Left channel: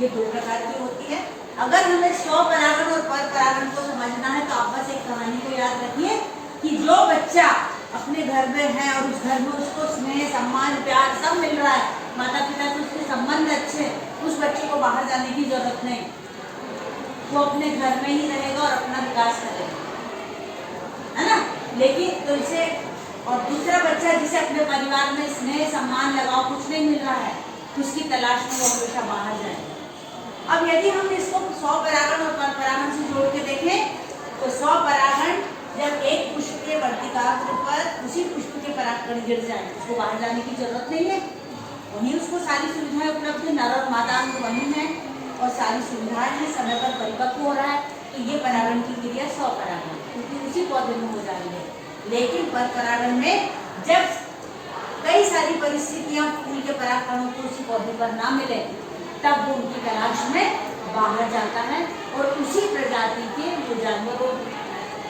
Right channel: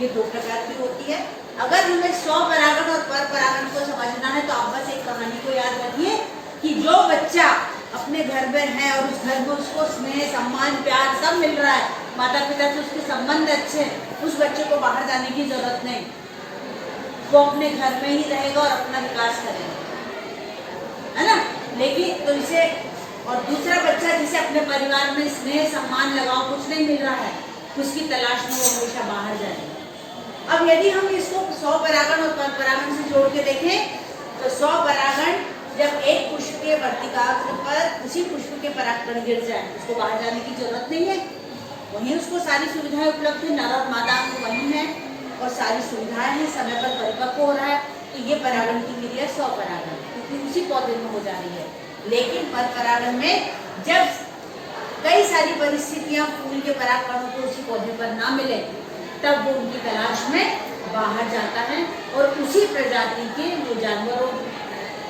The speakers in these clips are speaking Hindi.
ये दो प्रकार की होती है। अगर हमें स्वपरागण और परपरागण को समझना है तो आप बस एक कहानी को याद रखिए कि जो बच्चा अपने घर में है और उस घर में उसको स्नेह, सम्मान, प्यार सब मिल रहा है, माता पिता से उसके संबंध अच्छे, उस बच्चे को बाहर जाने की जरूरत नहीं, वो अपने घर में ही रहेगा और अपना विकास करेगा, है ना। लेकिन तो इसे और दूसरा बच्चा जिसे अपने परिवार में स्नेह, सम्मान, लगाव कुछ नहीं मिल रहा है, उसकी तलाश में वो हमेशा बाहर जाएगा। अब यदि हम इसको स्वपरागण और परपरागण से जोड़ के देखें तो स्वपरागण जब एक पुष्प के वर्तिकाग्र पर उसी पुष्प के परागकण गिर जाए, उसको बाहर जाने की जरूरत नहीं है, वहीं उसको सारी सुविधाएं उपलब्ध है, नर और मादा वहीं है और सारी सुविधाएं हैं, समय पर परिपक्व हो रहा है, तो ये परागण की क्रिया स्वपरागण क्योंकि उसी पौधे में हो जा रही है। लेकिन परपरागण में जब कई सारी परिस्थितियां फूल के परागकणों को उसी पौधे पर ना मिले, तब वो उनकी तलाश में बाहर जाता है और उसी प्रजाति के वो जानवरों,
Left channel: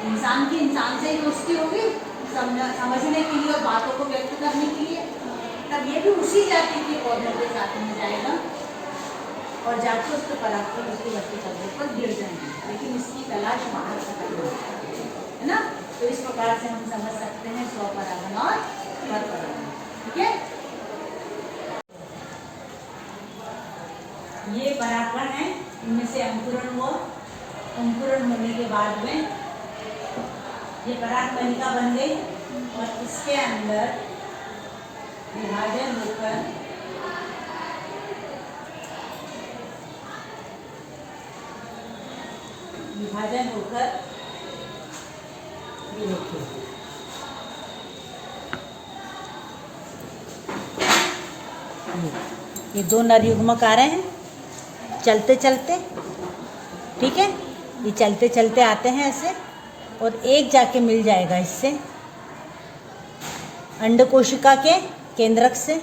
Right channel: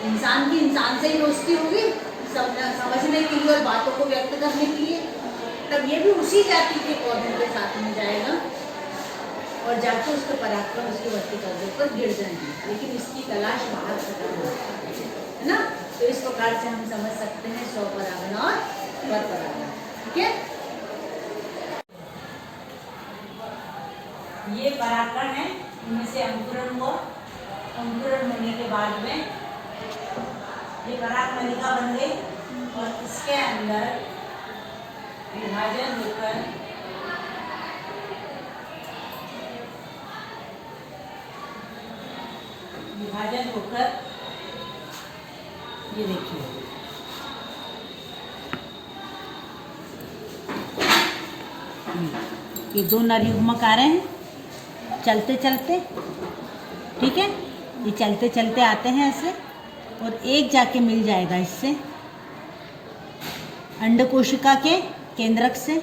इंसान की इंसान से ही दोस्ती होगी समझने के लिए और बातों को व्यक्त करने के लिए, तब ये भी उसी जाति के पौधे के साथ में जाएगा और जाकर उसके परागकण उसके वर्तिकाग्र पर गिर जाएंगे, लेकिन इसकी तलाश बाहर खत्म हो जाती है ना। तो इस प्रकार से हम समझ सकते हैं स्वपरागण और परपरागण। ठीक है, ये परागकण है, इनमें से अंकुरण हुआ, अंकुरण होने के बाद में ये पराग कलिका बन गई और इसके अंदर विभाजन होकर ये देखिए ये दो नर युग्मक आ रहे हैं चलते चलते, ठीक है, ये चलते चलते आते हैं ऐसे और एक जाके मिल जाएगा इससे अंडकोशिका के केंद्रक से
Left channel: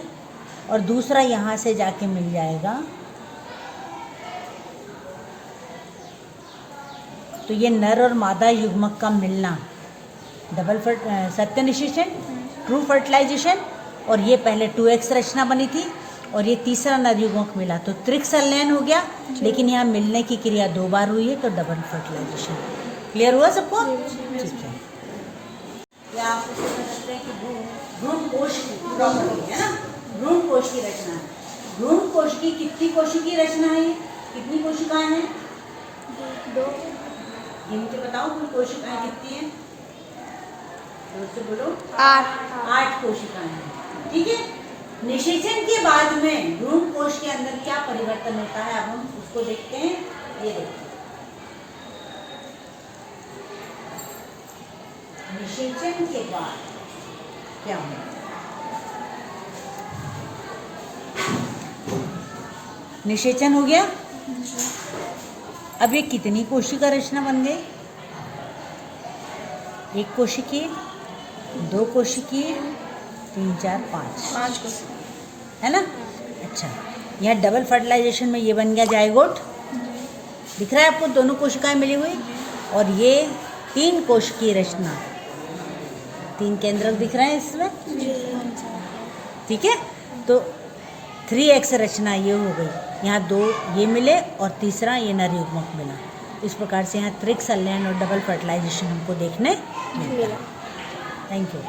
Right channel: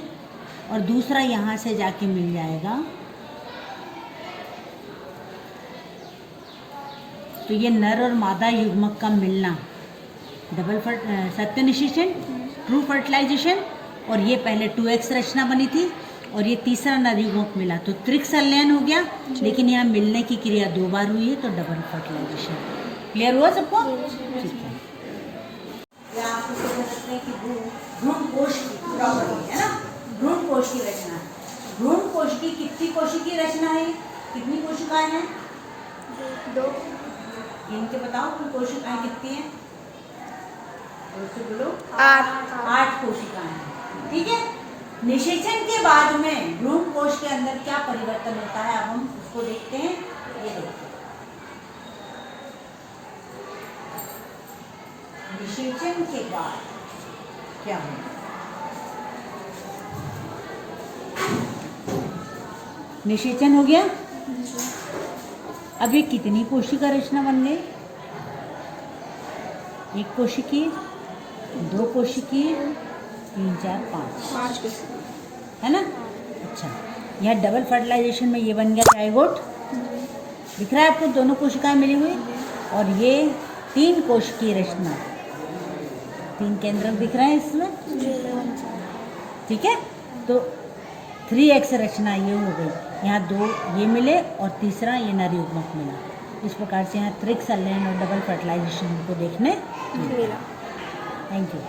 और दूसरा यहाँ से जाके मिल जाएगा। तो ये नर और मादा युग्मक का मिलना, डबल सत्य निषेचन, ट्रू फर्टिलाइजेशन, और ये पहले 2x रचना बनी थी और ये तीसरा नर युग्मक मिला तो त्रिक संलयन हो गया, लेकिन यहाँ मिलने की क्रिया 2 बार हुई है तो डबल फर्टिलाइजेशन। क्लियर हुआ सबको? ठीक है, या आप उसे कह सकते हैं कि भ्रूण कोश की प्रॉपर्टी है ना, भ्रूण कोश की रचना है। भ्रूण कोश की कितनी कोशिकीय रचना है, कितनी कोशिकाएं हैं? 2। ये मुझे बताओ कुल कोशिकाएं कितनी हैं? तो बोलो 8 कोशिकाएं हैं। ठीक है, निषेचन के बाद में भ्रूण कोश के अंदर क्या परिवर्तन होता है, अब हम उसको देखते हैं। ये देखिए, निषेचन के बाद क्या होगा? निषेचन हो गया, अब ये कितनी कोशिका रचना बन गई? 1 कोशिकीय, 2 कोशिकीय, 3, 4, 5 है ना। अच्छा, यह डबल फर्टिलाइजेशन में ये बन गया जाइगोट, दिख रहा है आपको, दोनों कोशिकाएं मिली हुई, और ये 3 कोशिकीय रचना, 3 केंद्रक दिख रहे हैं इसमें, ठीक है। तो 3x रचना ये हो गई, यहाँ 2 ये मिले और तीसरा ये नर युग्मक मिला। इस प्रकार से यहाँ त्रिक संलयन और डबल फर्टिलाइजेशन हमको देखने मिला। Thank you.